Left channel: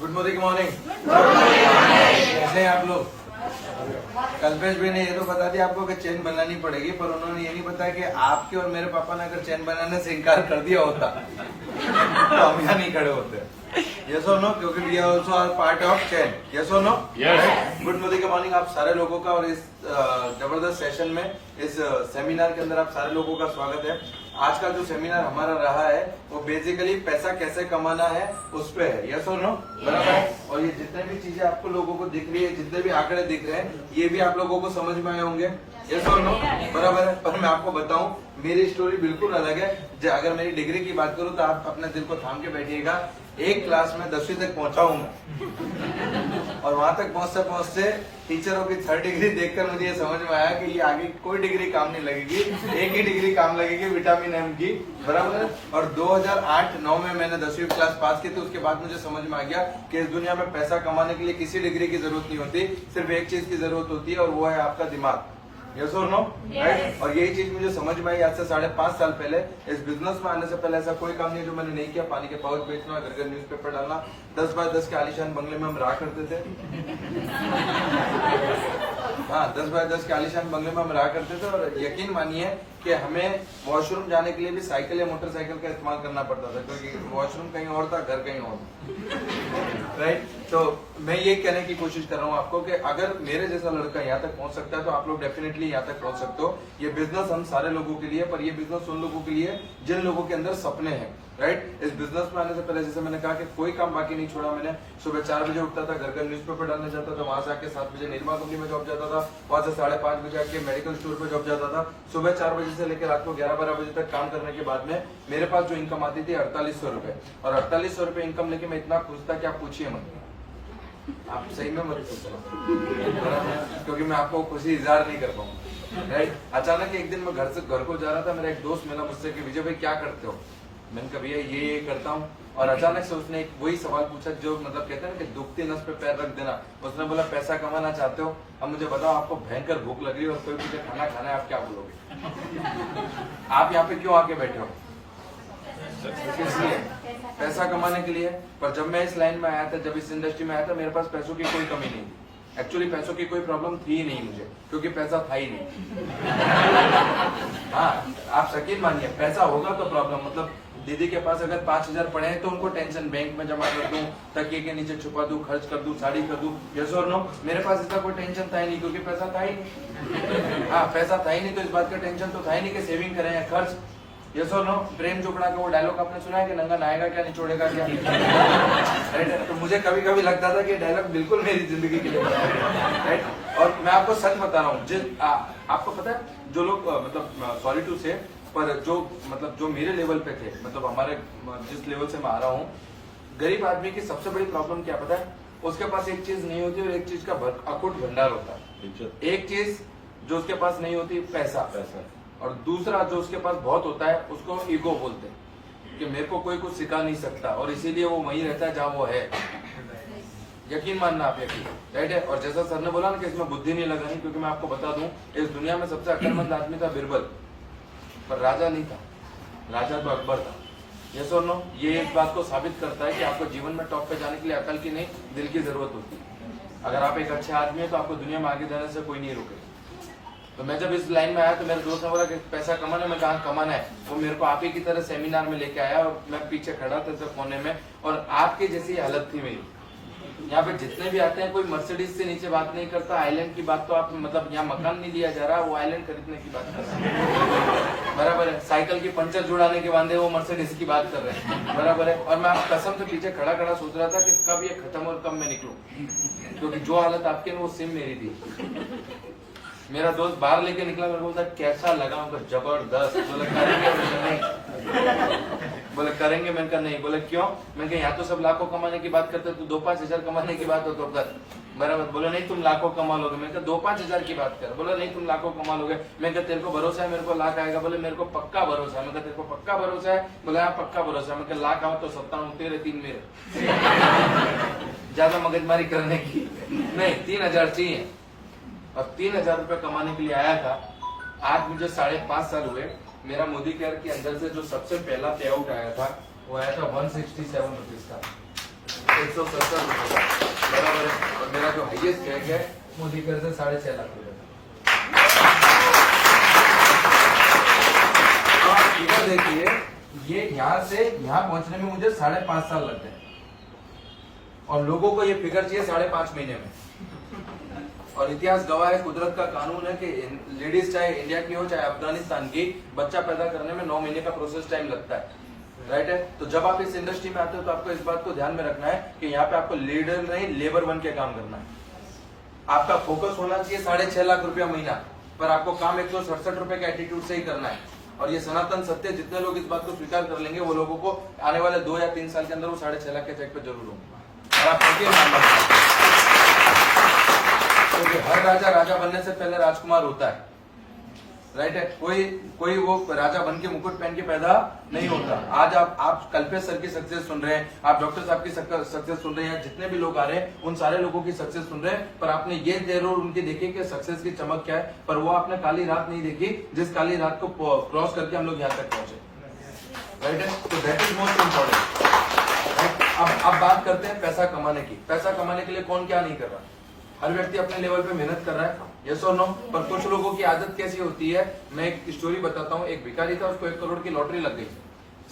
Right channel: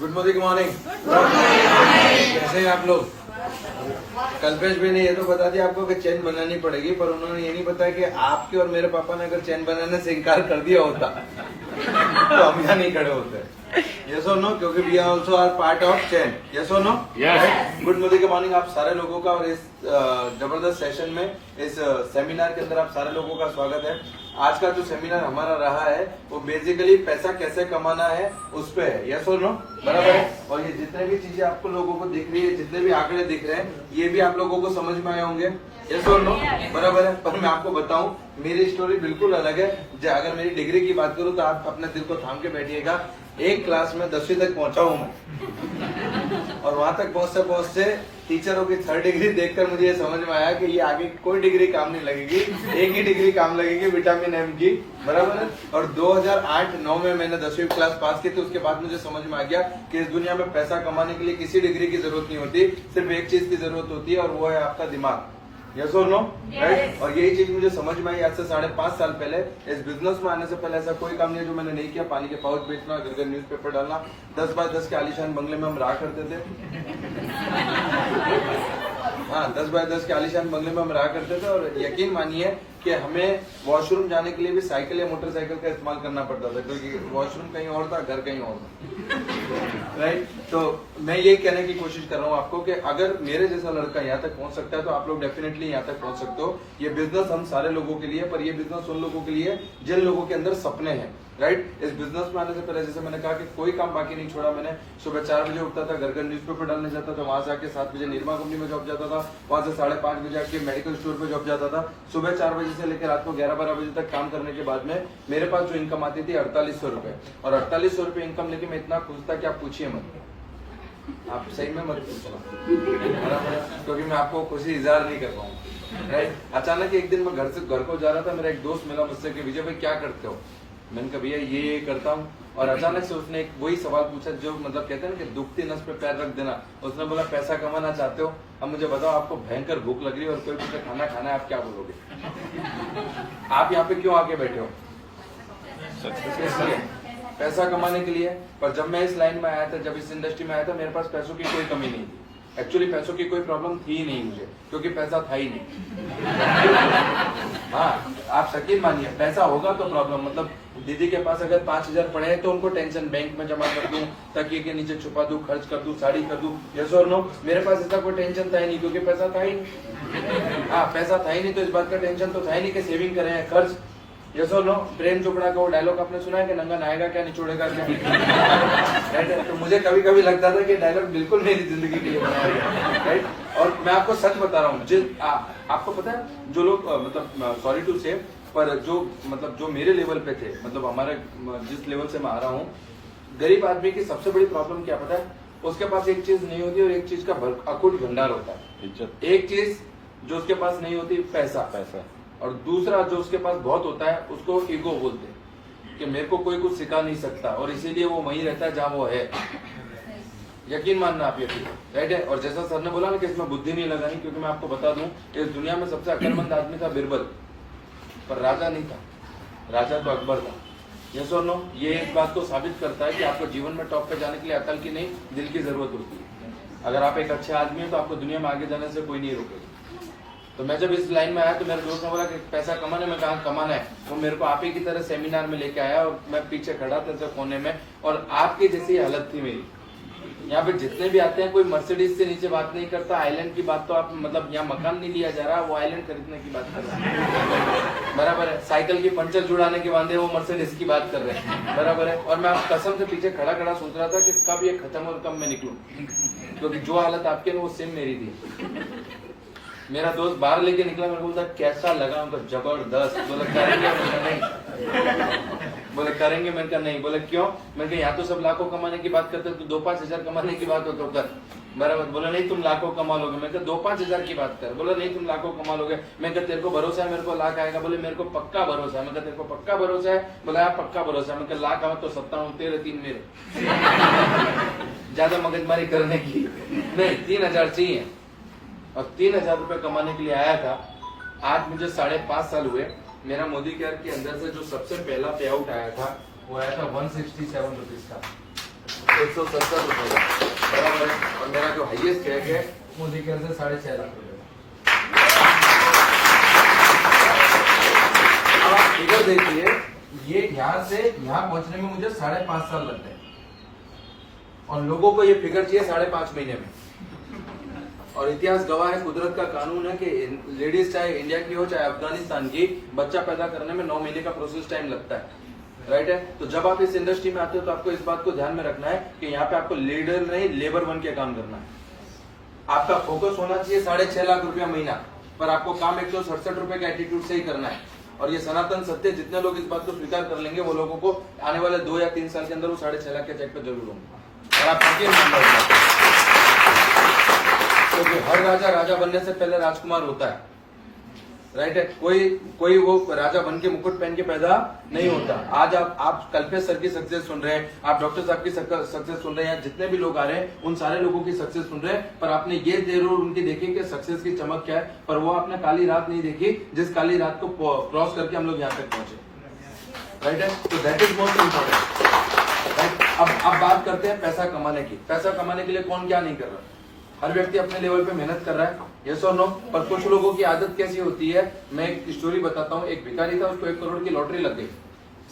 Good morning. कैसे हैं आप लोग? कल्पेश भाई ने ये तो बता दिया आपको कि चेन बनानी पड़ेगी, पर उन्होंने ये नहीं बताया कि आपके और मेरे पापा ने अगर चेन बनाने से इनकार कर दिया होता तो हम यहाँ नहीं खड़े होते। यस और नो? क्योंकि we are also are part of chain. Yes और नो? Yes. गुड मॉर्निंग आप सारे लोगों का, और इस जबरदस्त सेशन में, इस सेमिनार के अंदर आप सारे लोगों का स्वागत है। आज का जो सेमिनार हमारा रहा है वो बेसिकली पैसा कैसे कमाना है उस पे है। यस और नो? बराबर है। और ये जितने भी चीजें आपको लोगों को दिख रही है, जितने भी आंकड़े दिख रहे हैं, ये भी आप लोगों को समझ में आए होंगे। यस और नो? बराबर है। पर मैं आपको बताऊं, मेरी स्टोरी बिल्कुल अलग है। अगर मेरी डिग्री की बात करूं तो आप अपने दिल को थाम के बैठिएगा। एक क्लास में 10वीं तक पहुंचा हूं और वहां तक पहुंचते पहुंचते टीचरों की 3rd डिग्री देखकर मुझे ये समझ में आया कि ये आगे कोई डिग्री काम नहीं लगेगी, एक ही डिग्री काम लगेगी, विटामिन एम की। बराबर है। और 2008-9 में मैंने 10वीं क्लास पास की, तो उसके बाद मुझे समझ में आ गया कि इस दुनिया में पैसा कमाने के लिए किसी डिग्री की जरूरत नहीं होती, सिर्फ एक चीज की जरूरत होती है, और वो है आपका दिमाग। यस और नो? राइट। और यही चीज मुझे समझ में आई आज से 5.5 साल पहले। इस बिजनेस में आने से पहले ऐसा कोई काम नहीं जो मैंने नहीं किया। पानी के पाउच बेचना, घर घर न्यूज़पेपर डालना, 10 बाय 10 के आलीशान बंगले में हम रहा करते थे। हाँ, 10 बाय 10 के आलीशान बंगले में हम रहा करते थे। और यकीन मानिए कि हमें वॉशरूम जाने के लिए भी साइकिल या मोटरसाइकिल का इस्तेमाल करना पड़ता था, क्योंकि वॉशरूम कहीं और था, घर कहीं और था। राइट। तो मैं यही कहने की कोशिश कर रहा हूँ आपको कि अगर मेरे जैसा लड़का यहाँ तक पहुंच सकता है तो आप लोग डेफिनेटली यहाँ तक पहुंच सकते हो। ये बिजनेस हम सारे लोगों के लिए, पर ये बिजनेस उन लोगों के लिए जिन लोगों के अंदर सपने हैं। राइट। इस बिजनेस में आने से पहले जैसे मैंने कहा कि कोई काम बाकी नहीं छोड़ा मैंने। सुबह 4 बजे उठता था, घर घर न्यूज़पेपर डालने जाता था, वहां से आके 7 बजे निर्मा कंपनी में जॉब जाता था, वहां से 5:30 बजे आके मेडिकल स्टोर पे जॉब जाता था। सुबह 4 बजे से लेकर रात को 11-12 बजे तक काम करने के बाद में मेरे पास जो इनकम आती थी 4800 रुपए। और 4800 रुपए इनकम लेके मैं इतना खुश था कि आप पूछिए मत, आप सही में मत पूछो, क्योंकि मैं आपको खुशी इजहार नहीं कर पाऊंगा। राइट। अचानक एक दिन मैं घर को जा रहा था, मेरा एक दोस्त मिला मुझसे कि विजय भाई क्या करते हो? मैंने कहा भैया ये करता हूँ। और अचानक से उसने एक वही सवाल पूछा जो मतलब कहते हैं ना कि दुखती नस पे पैर रख देना। उसने बोला पैसा कमाना चाहते हो? अब मुझे बताओ, आपको भयंकर भूख लग रही है और कोई मुझे खाना खाना है, आप क्या बोलोगे? आप यहाँ पे क्यों आके बैठे हो? पैसा कमाने के लिए। पर जब मैं इस लाइन में आया था, जब इस इंडस्ट्री में आया था, मेरे पास पैसों की कोई कमी नहीं थी। एक्चुअली पैसों की कोई प्रॉब्लम थी ही नहीं मुझे, क्योंकि पैसा था ही नहीं। हाँ, आप यकीन मानिए, पैसा होगा तो प्रॉब्लम, मतलब दीदी के पास अगर 5000 पड़े हैं तो उनको टेंशन, बैंक में जमा कर दूं, तकिए के नीचे छुपा दूं, खर्च कर दूं, साड़ी कर दूं। यस और नो? मेरे पास इसका कोई टेंशन था ही नहीं, क्योंकि पैसा था ही। हाँ, पैसा था ही नहीं तो इस बात का टेंशन तो था ही नहीं कि सेविंग करें, खर्च। यस और नो? प्रेम चोपड़ा का वो डायलॉग आपने सुना है कि नंगा नहाएगा क्या, निचोड़ेगा क्या? राइट। तो मुझे कभी कभी लगता था कि डायलॉग बिल्कुल मेरी जिंदगी के लिए राइट। और मैं आपको सच बता रहा हूँ, आपको पता है जो लोग मतलब सॉरी टू से, पर जो मतलब जो मेरे लेवल पे थे, मतलब हमारे जिस लेवल से मैं आ रहा हूँ, गरीब आदमी की सबसे बड़ी प्रॉब्लम क्या पता है? उसके पास एक चीज नहीं होती और एक चीज का अकुट भंडार होता है। एक चीज जो उसके पास नहीं होती, पैसा। और दूसरा जो उसके पास बहुत होता है उसको ईगो बोलते हैं कि मेरे को कोई कुछ सिखा नहीं सकता, और इसीलिए वो वहीं रहता है जहां वो है। यकीन मानना आप, यकीन। राइट है। और जैसा सर ने बोला ना कि इसमें बुद्धि नहीं लगानी, क्योंकि मैं आपको बता दूं, इस दुनिया में सबसे अक्लमंद आदमी था बिरबल, पर राजा नहीं था। राजा तो अकबर था। यस और नो? ये इस बात को साबित करता है कि आपको जीवन में टॉप पे जाने के लिए अकल की नहीं, दिल की जरूरत होती है। अगर आप एक अच्छे आदमी हो तो आपको दुनिया में आगे जाने से कोई नहीं रोकेगा। तो मैं जब इस लाइन में आया तो मेरे दोस्त ने बोला कि पैसा कमाना, मैं कहा कमाना है। वो मेरे को आप ही की तरह सेमिनार में लेके आया और मैं पीछे खड़ा था जब कोने में, और आपकी जैसी हालत थी मेरी। यहाँ पे जितने भी आते हैं कोई मर्सिडीज से नीचे बात नहीं करता। आइलैंड की बात तो आप मतलब यहाँ मकान नहीं लिया जा रहा, वो आइलैंड खरीदने की बात कर रहा है। बराबर है। साइकिल की पंचर जुड़ाने के वादे वो मर्सिडीज की बात कर रहे हैं। बराबर है। और मैं आप कसम से पीछे खड़ा खड़ा सोच रहा था कि कब ये खत्म और कब मैं निकलूं, क्योंकि जो हालत आपके वो सेम मेरी थी। मेरा दोस्त बाहर लेके निकला, मेरे को बोलता कैसा लगा? मतलब जबरदस्त। बोले करेंगे? बोले करेंगे? मैंने कहा नहीं। बोले क्यों? मैंने कहा यहाँ तो सब लाखों कमाने की बात करते, तो 2-5 हजार कमाने की बात हो तो बराबर। बोले नहीं तुम लाखों कमा लोगे। मैं कहा 2-5 हजार की बात कर। बोला नहीं तुम लाखों कमा लोगे। मैं कहा तेरे को भरोसा है मेरे को लाख आएगा? बोले मेरे को पक्का भरोसा है। मैं कहा तेरे को पक्का भरोसा है? बोला यार पक्का भरोसा है। मैं कहा लाख आओ तो 57 तेरे 3 मेरे। ज्यादा मगजमारी करने की नहीं, 3000 चाहिए। और 3000 रुपये कमाने के लिए आया था। आज मुझे 5.5 साल हुए। मेरा मोदी केयर के अंदर से जो सबसे पहला पे आउट आया था वो आया था 167 रुपीज था। 167 रुपए का, बराबर है। और मेरा जो हाईएस्ट चेक है वो देखिए 6.5 लाख रुपए। फिगर देखिए, ये यहाँ से यहाँ पहुंचने में मुझे 5.5 साल लग गए और लोगों को ये फिगर चाहिए 5.5 महीने में। और इतिहास गवाह है, कुदरत का कानून है कि लेडीज चाहे इंडिया की हो चाहे अफगानिस्तान की, बच्चा पैदा करने में 9 महीने का प्रोसेस टाइम लगता है, राइट है। तो जब आप इस इंडस्ट्री में आते हो तो आपको इस बात को ध्यान में रखना है कि यहाँ पे आपको लीडर नहीं लेबर बन के काम करना है। आपका फोकस होना चाहिए 6.5 लाख रुपया महीना, पर आपको काम 167 रुपए के एटीट्यूड से ही करना है। और ये सनातन सत्य, जितने लोग इस बात को स्वीकार कर लेंगे वो लोगों को आने वाले 2 या 3 साल के अंदर वो 6.5 लाख के चेक पर जरूर होंगे। और आप क्योंकि हर राजा बनने से पहले राजकुमार होता है, राइट है। कोई वो राजा बन के मुकुट पहन के पैदा नहीं होता। आज आप कल्पेश सर की सक्सेस सुन रहे हैं, आप डॉक्टर साहब की सक्सेस सुन रहे हैं, जितने भी लोग आ रहे हैं उन सारे लोगों की सक्सेस सुन रहे हैं, पर आपने ये जरूर उनकी देखी कि सक्सेस की चमक क्या है, पर वो आपने काली रात नहीं देखी जिस काली रात को क्रॉस करके हम लोग यहाँ तक पहुंचे, राइट है। तो दैट इज मोस्ट इम्पोर्टेंट। अब बात करते हैं पैसा कमाने की। पैसा कमाने के लिए कौन क्या नहीं कर रहा है? हर व्यक्ति अपने लेवल पे मेहनत कर रहा है, यस और नो। पर कुछ लोगों की आदत कैसी होती है, मैं एक स्टोरी बताता हूँ। एक भिखारी था, उसको 1 करोड़ की लॉटरी लग गई।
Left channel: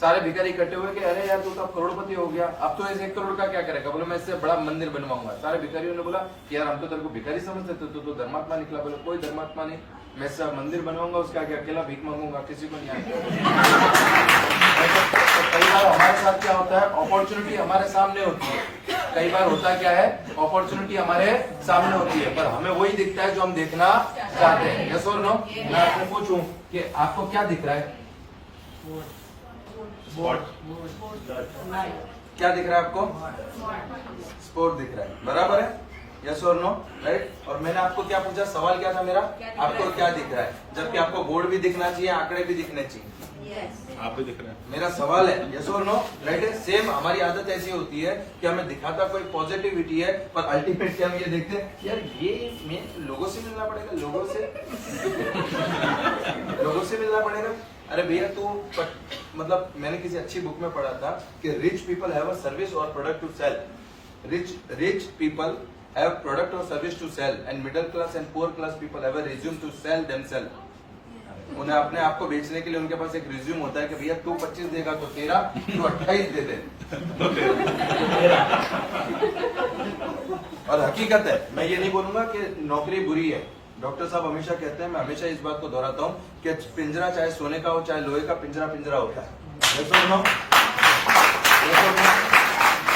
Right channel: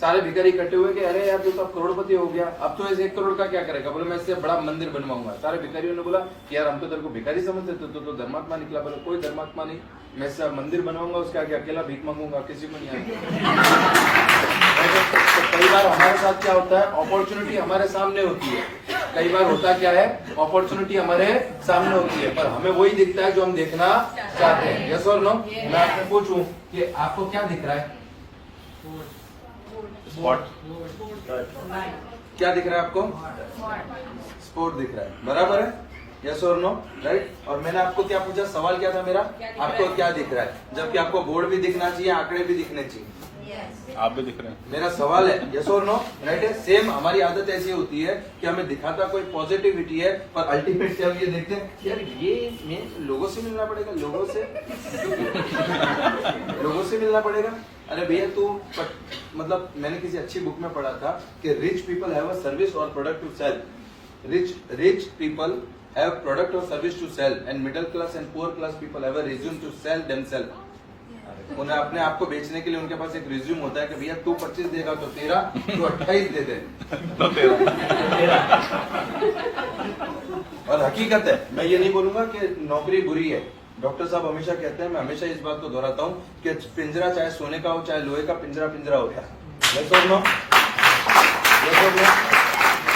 सारे भिखारी इकट्ठे हुए कि अरे यार तू तो करोड़पति हो गया, अब तो इस 1 करोड़ का क्या करेगा? बोले मैं इससे बड़ा मंदिर बनवाऊंगा। सारे भिखारियों ने बोला कि यार हम तो तेरे को भिखारी समझते थे, तो धर्मात्मा निकला। बोले कोई धर्मात्मा नहीं, मैं इससे मंदिर बनवाऊंगा, उसके आगे अकेला भीख मांगूंगा, किसी को नहीं आएगा। कई बार हमारे साथ क्या होता है, अपॉर्चुनिटी हमारे सामने होती है। कई बार होता क्या है, अपॉर्चुनिटी हमारे सामने होती है, पर हमें वही दिखता है जो हम देखना चाहते हैं, यस और नो। मैं आपको पूछूं कि आपको क्या दिख रहा है? स्पॉट क्या दिख रहा है आपको? स्पोर्ट दिख रहा है, बराबर है, यस और नो, राइट। और मैंने आपको क्या पूछा, सवाल क्या था मेरा? आपको क्या दिख रहा है? जबकि आपको बोर्ड भी दिखना चाहिए, आंकड़े भी दिखने चाहिए। आप भी दिख रहे हैं। मेरा सवाल है यस और नो, राइट है। सेम हमारी आदत ऐसी होती है कि हमें दिखाता कोई पॉजिटिविटी है, पर अल्टीमेट क्या हम ये देखते हैं यार ये लोगों से मिलना पड़ेगा, लोगों से मिलना पड़ेगा। अरे भैया तो मतलब मैंने किसी अच्छी बुक में पढ़ा था कि rich people have a service और product to sell. Rich people have product और service to sell and middle class and poor class people have a resume to sell themselves. उन्हें अपने आप को बेचने के लिए उनके पास एक रिज्यूम होता है कि भैया तू 25 देगा तो 13, तू 28 दे दे तो 13। और हकीकत है, मैं ये नहीं बोलूंगा कि नौकरी बुरी है। डॉक्टर साहब हमेशा कहते हैं, मैं हमेशा इस बात को दोहराता हूँ कि पिंजरा चाहे सोने का हो चाहे लोहे का, पिंजरा होता है।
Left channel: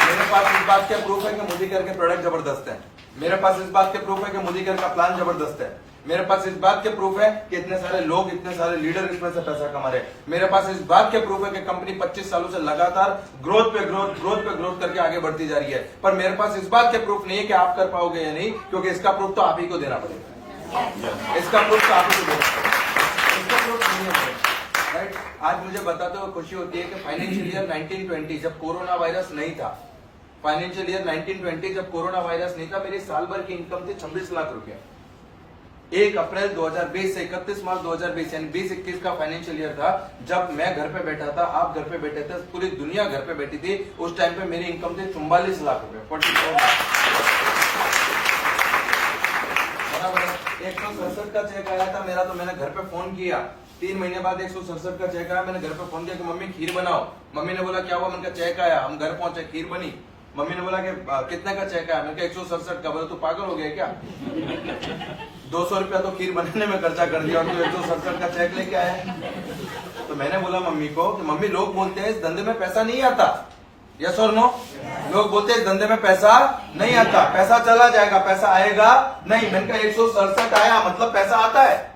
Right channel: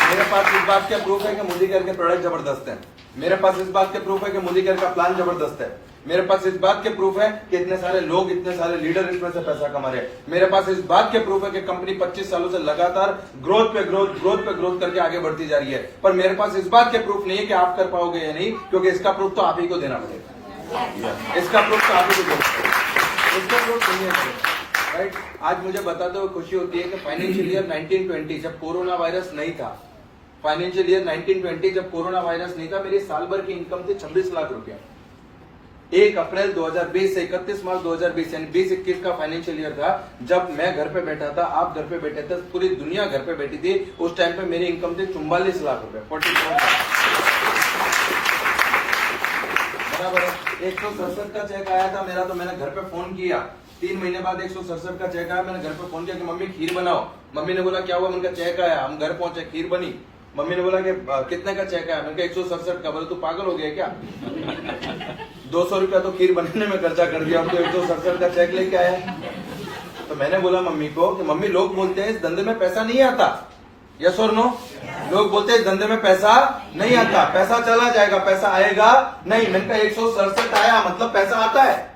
मेरे पास इस बात के प्रूफ है कि मुलीकर के प्रोडक्ट जबरदस्त है। मेरे पास इस बात के प्रूफ है कि मुलीकर का प्लान जबरदस्त है। मेरे पास इस बात के प्रूफ है कि इतने सारे लोग, इतने सारे लीडर इसमें से पैसा कमा रहे हैं। मेरे पास इस बात के प्रूफ है कि कंपनी 25 सालों से लगातार ग्रोथ पे ग्रोथ करके आगे बढ़ती जा रही है। पर मेरे पास इस बात के प्रूफ नहीं है कि आप कर पाओगे या नहीं, क्योंकि इसका प्रूफ तो आप ही को देना पड़ेगा। इसका प्रूफ तो आप ही को देना पड़ेगा, इसका प्रूफ नहीं है, राइट। आज मुझे बताते हुए खुशी होती है कि फाइनेंशियल ईयर 1920 जब कोरोना वायरस नहीं था, फाइनेंशियल ईयर 1920 जब कोरोना वायरस नहीं था, मेरी साल भर की इनकम थी 26 लाख रुपया। 1 अप्रैल 2020 से 31 मार्च 2020 यानी 20-21 का फाइनेंशियल ईयर था, जब मैं घर पे बैठा था, आप घर पे बैठे थे, पूरी दुनिया घर पे बैठी थी। उस टाइम पे मेरी इनकम थी 44 लाख रुपए, 44 बराबर है। 167 का चेक आया था मेरा, तो मैंने घर पे फोन किया। 3 महीने बाद 167 का चेक आया, मैंने घर पे फोन किया कि मम्मी खीर बनाओ। मम्मी ने बोला क्या हुआ? उनका चेक आया, हम घर पहुंचे, खीर बनी। मम्मी ने बोला कि कितने का चेक आया? मैंने कहा 167 का। बोला तू पागल हो गया क्या? 200 रुपया तो खीर बनाने में खर्चा कर दिया और तो 167 का चेक लेके आया। तो मैंने बोला मम्मी को, मम्मी लोग बोलते हैं इस धंधे में पैसा नहीं आता, यस और नो। लोग बोलते हैं इस धंधे में पैसा नहीं आता, पैसा चला जाएगा, पैसा आएगा नहीं। मैंने कहा 167 आया मतलब पैसा आता है।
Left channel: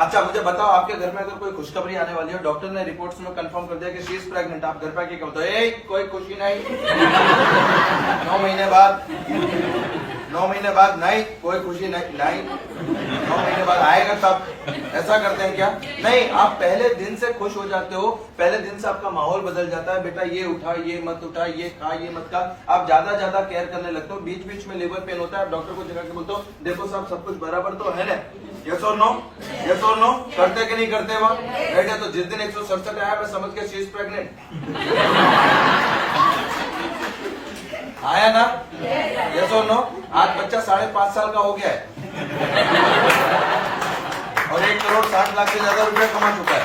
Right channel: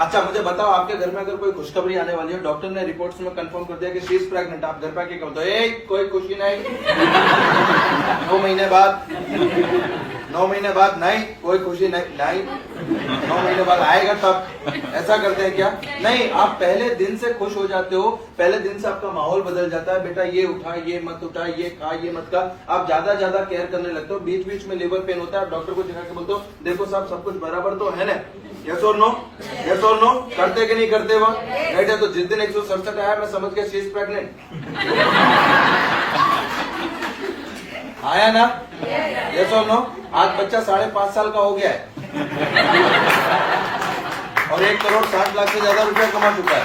अच्छा मुझे बताओ, आपके घर में अगर कोई खुशखबरी आने वाली है, डॉक्टर ने रिपोर्ट्स में कंफर्म कर दिया कि शी इज प्रेग्नेंट, आप घर पे आके क्या होता है? कोई खुशी नहीं। 9 महीने बाद 9 महीने बाद नहीं, कोई खुशी नहीं। 9 महीने बाद आएगा तब। ऐसा करते हैं क्या? नहीं, आप पहले दिन से खुश हो जाते हो, पहले दिन से आपका माहौल बदल जाता है। बेटा ये उठा, ये मत उठा, ये खा, ये मत खा। आप ज्यादा केयर करने लगते हो। बीच बीच में लेबर पेन होता है, आप डॉक्टर को दिखा के बोलते हो देखो साहब सब कुछ बराबर तो है ना, यस और नो, यस और नो। करते कि नहीं करते हो? नहीं तो जिस दिन 167 आया मैं समझ के शी इज प्रेग्नेंट। आया ना? यस और नो? आज बच्चा 5.5 साल का हो गया है और 1,60,00,000 से ज्यादा रुपया कमा चुका है।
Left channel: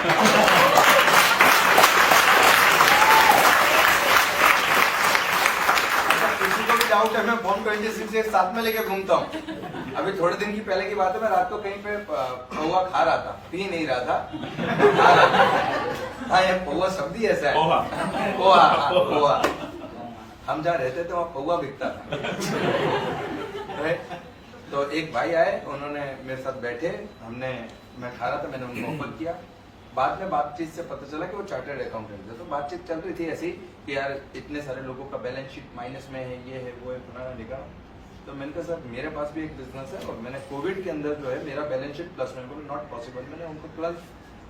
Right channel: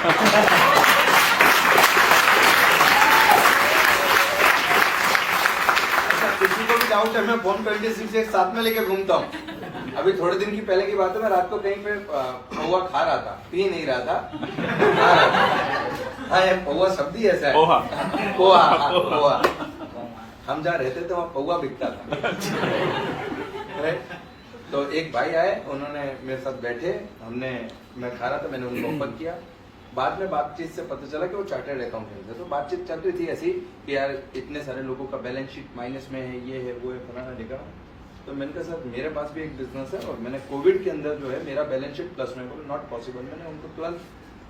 किसी को भी डाउट है, मैं फोन 26 एक साथ में लेके घूमता हूँ। अभी थोड़े दिन की पहले की बात है, मैं रात को कहीं पे पौवा खा रहा था, पी नहीं रहा था। हाँ, पौवा शब्द ही ऐसा है। पोहा। पोहा। हम जहाँ रहते थे वहाँ पौवा बिकता था। तो एक भाई आए, उन्होंने मेरे साथ बैठे, मैं खा रहा था, मैंने उनको ऑफर किया। बाद में बातचीत से पता चला कि वो चार्टर्ड अकाउंटेंट है। तो बातचीत चल रही थी ऐसी कि यार इतने सारे लोगों का बैलेंस शीट माइनस में है, ये है, वो है, फलाना जगह। तो मैंने कहा सर मेरे पास भी एक बिजनेस है और मैंने कोविड के अंदर जो है मेरा बैलेंस शीट प्लस में, नॉट पॉसिबल। मैंने उनको तुरंत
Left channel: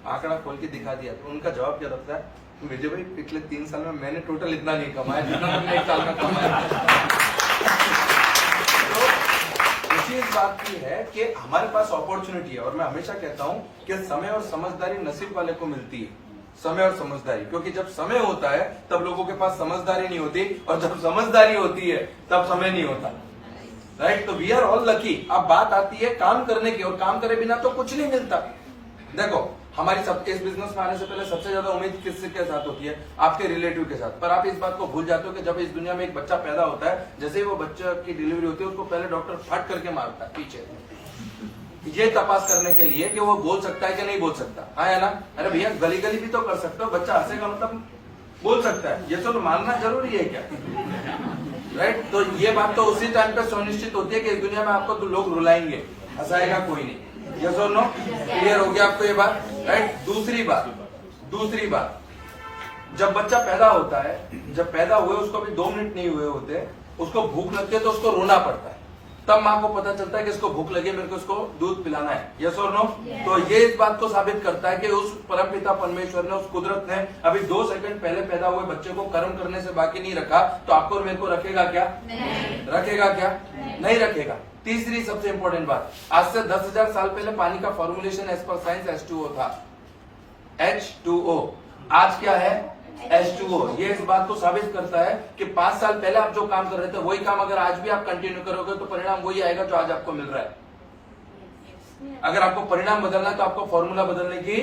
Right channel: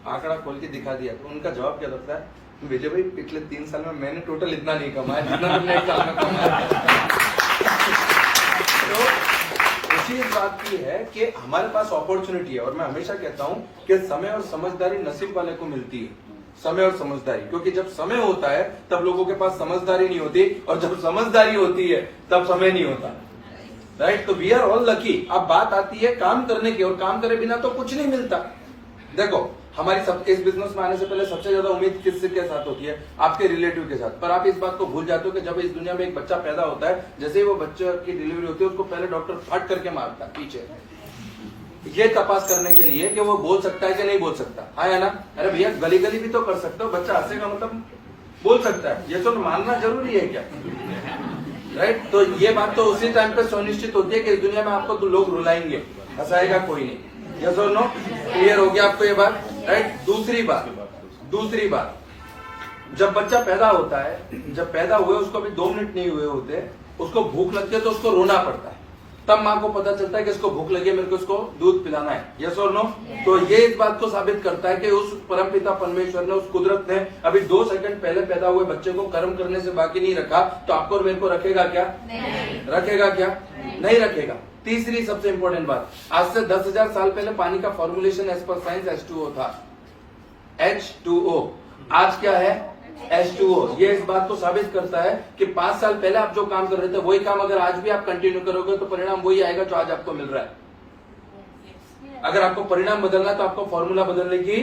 आंकड़ा खोल के दिखा दिया। उनका जवाब क्या लगता है, विजय भाई पिछले 3 साल में मैंने टोटल इतना नहीं कमाया जितना तुमने 1 साल में कमाया। दूसरी बात की है कि हमारे पास अपॉर्चुनिटी है और मैं हमेशा कहता हूं कि समय और समझदारी नसीब वाले को मिलती है। समय और समझदारी, क्योंकि जब समय होता है तब लोगों के पास समझदारी नहीं होती और जब समझदारी होती है तब समय नहीं होता। राइट? तो वी आर ऑल लकी। अब बात आती है काम करने की, और काम करे बिना तो कुछ नहीं मिलता। देखो हमारी सब इस बिजनेस में आने से पहले सबसे ज्यादा उम्मीद किसके साथ होती है? आपके रिलेटिव के साथ। पर आप इस बात को भूल जाते हो कि जब इस दुनिया में एक बच्चा पैदा होता है, जैसे ही वो बच्चे की डिलीवरी होती है उसको पहले डॉक्टर फट करके मारता है पीछे, ये तपास करने के लिए कि वो बोल सकता है कि नहीं बोल सकता। है ना? अरे भैया गली गली भी तो कर सकता हो, बच्चा हंसेगा मतलब बोल सकता है, ये तो मानना जरूरी है क्या? राइट? तो ये बात तो उसी टाइम पे सुनिश्चित होती है कि इस दुनिया में आपको तो लोग रुलाएंगे, हंसाएगा कोई नहीं। यस और नो? क्लियर हो गया आपको ये बात? राइट? दूसरी बात, जब बच्चा पैदा होता है, जब पैदा हुए उसको अभी 2 मिनट नहीं हुए होते, उसको भूख लगती है तो उसको रोना पड़ता है। तब माँ को पता चलता है कि इसको भूख लगी, मेरे को इसको दूध पिलाना है। यस और नो? तो ये इस बात को साबित करता है कि उस परमपिता परमेश्वर ने, उस कुदरत ने अभी 2 सेकंड पहले पैदा हुए बच्चे को कर्म करने से बाकी नहीं रखा, तो आपको और मेरे को रखेगा क्या? रखेगा क्या? नहीं रखेगा। तीसरी सबसे इंपॉर्टेंट बात, आज से 10,000 साल पहले पानी का formulation as per science H2O था। H2O आज क्या है? H2O। ये इस बात को साबित करता है कि 5 साल पहले आप जो काम कर रहे थे वही काम अगर आज भी आप कंटिन्यू करोगे तो परिणाम वही आएगा जो आज आपको मिल रहा है। अगर आपको परिणाम बदलना तो आपको फॉर्मूला बदलने की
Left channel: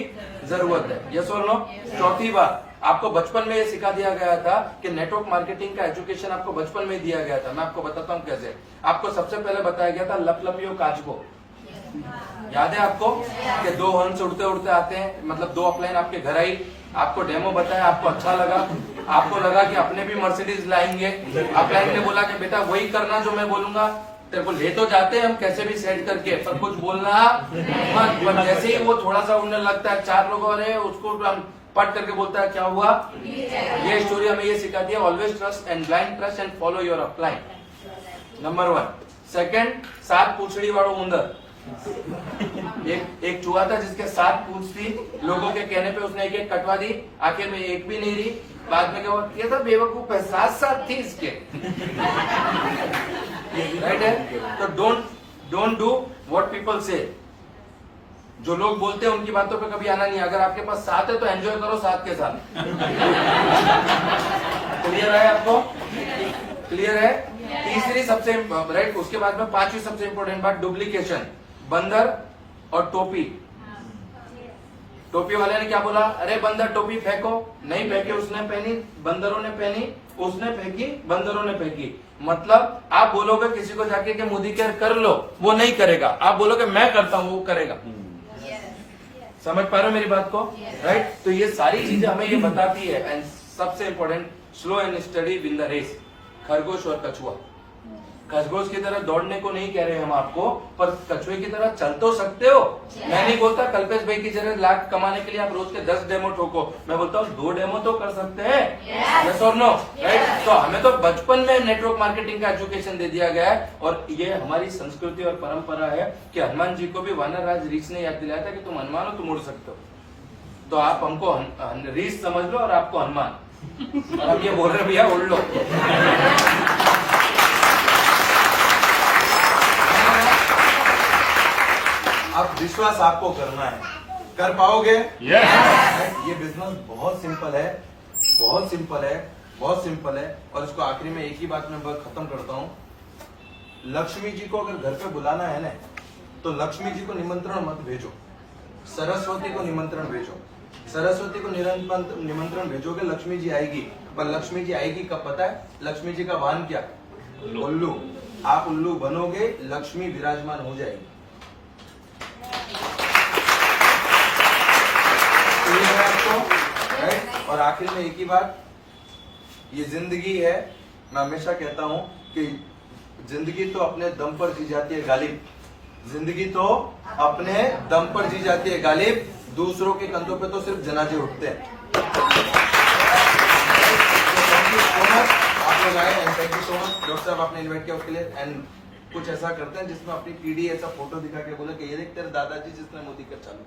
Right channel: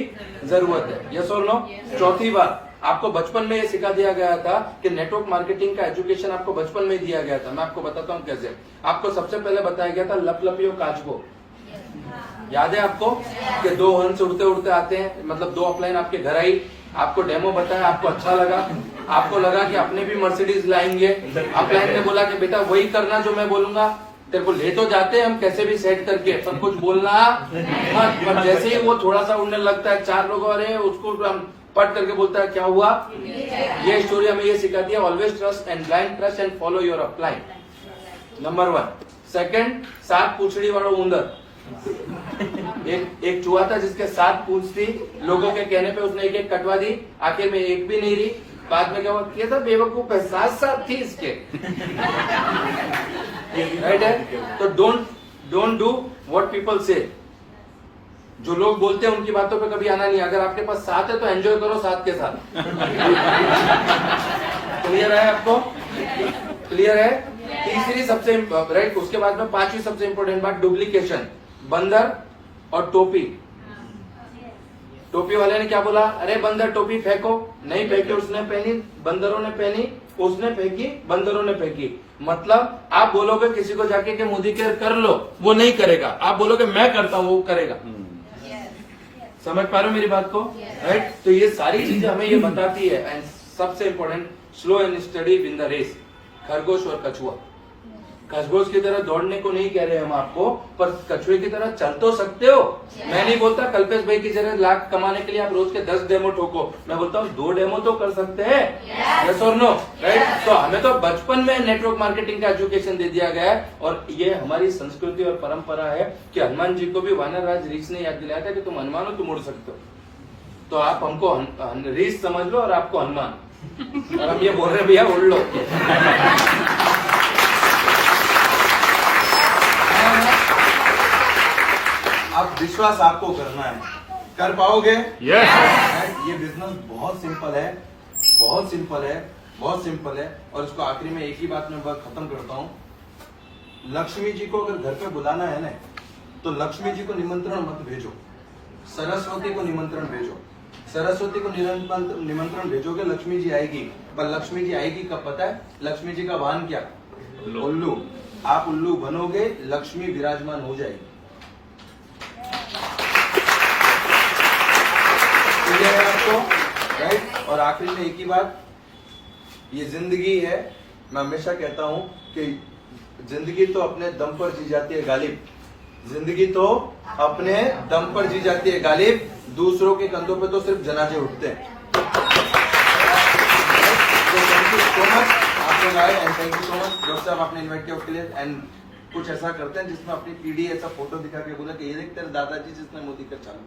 जरूरत है। यस और नो? चौथी बात, आपको बचपन में ये सिखा दिया गया था कि नेटवर्क मार्केटिंग का एजुकेशन आपको बचपन में दिया गया था। मैं आपको बताता हूँ कैसे। आपको सबसे पहले बताया गया था लपलपियो काचबो। याद है आपको कि 2 हंस उड़ते उड़ते आते हैं, मतलब 2 अपलाइन आपके घर आई, आपको डेमो बताया, आपको अच्छा लगा, आपको लगा कि अपने भी मर्सिडीज लाएंगे। अपलाइन ने बोला कि बेटा वही करना जो मैं बोलूंगा, तेरे को ले तो जाते हैं हम कैसे भी सेट करके, पर कुछ बोलना मत। पर जैसे ही वो थोड़ा सा उड़ने लगता है, 4 लोगों वाले उसको पट करके बोलता है क्या हुआ? ये स्टोरी हमें ये सिखाती है, always trust and blind trust and follow your upline. Number 1। Second, 7 पूछड़ी वालों उंदर। एक चूहा था जिसके 7 पूंछ थी, लोगों के कहने पे उसने एक कटवा दी, आखिर में एक भी नहीं रही। बाद में क्या था, बेवकूफ है, 7 थी इसके। राइट है? तो डोंट डू व्हाट पीपल से। जो लोग बोलते हैं उनकी बातों पे कभी आना नहीं। अगर आपके पास 7 है तो एंजॉय करो 7 के साथ। क्लियर है आपको? क्लियर है? तीसरी सबसे राइट, उसके बाद में 5वीं सबसे इंपॉर्टेंट बात, डुप्लीकेशन। बंदर और टोपी। टोपी वाले ने क्या बोला? अरे बंदर टोपी फेंको, नहीं फेंके, उसने पहनी, बंदरों ने पहनी, उसने फेंकी, बंदरों ने फेंकी। मतलब आप बोलोगे किसी को जाके कि मोदी केयर कर लो, वो नहीं करेगा। आप बोलोगे मैं करता हूं, वो करेगा। समझ पा रहे हो मेरी बात को? राइट? तो ये सारी चीजें हमें ये बताती है। एंड सबसे important, slow and steady win the race. खरगोश और कछुआ, खरगोश की तरह दौड़ने को नहीं कह रहे हम आपको, पर कछुए की तरह चल तो सकते हो। मैं नहीं बोलता कल्पेश भाई की तरह लाख कमाने के लिए आप रोज के 10 डेमो ठोको, मैं बोलता हूँ 2 डेमो तो कर सकते हैं। यस और नो? राइट? तो हमें तो बचपन में नेटवर्क मार्केटिंग का एजुकेशन दे दिया गया है, और ये हमारी संस्कृति और परंपरा है कि हनुमान जी को भी वानर राज रीछ ने याद दिलाया था कि तुम हनुमान हो, तुम उड़ सकते हो। तो आप हमको रीछ समझ लो और आपको हनुमान, और हम ये बोल रहे भैया उड़ लो। अब विश्वास आपको करना है, कर पाओगे? यस। ये बिजनेस बहुत सिंपल है, बहुत सिंपल है। बहुत सिंपल है और इसको आखिरी में एक ही बात में खत्म करता हूँ। लक्ष्मी जी को अगर घर पे बुलाना है ना, तो लक्ष्मी जी को निमंत्रण मत भेजो, सरस्वती को निमंत्रण भेजो। सरस्वती को निमंत्रण भेजोगे, लक्ष्मी जी आएगी। पर लक्ष्मी जी आएगी कब पता है? लक्ष्मी जी का वाहन क्या? उल्लू। आप उल्लू बनोगे, लक्ष्मी विराजमान हो जाएगी। क्लियर है आपको? राइट। और आखिर में एक ही बात, ये जिंदगी है। मैं हमेशा कहता हूं कि जिंदगी तो अपने दम पर जी जाती है गालिब, जिंदगी तो अपने दम पर जी जाती है गालिब, दूसरों के कंधों पे तो सिर्फ जनाजे उठते हैं। आपने गाया and thank you so much. Doctor साहब आपने इन्वाइट किया उसके लिए। एंड कुछ ऐसा करते हैं जिसमें अपनी पीढ़ी ऐसा फोटो दिखा के बोला कि ये देख तेरे दादाजी जिसने मोदी का चालू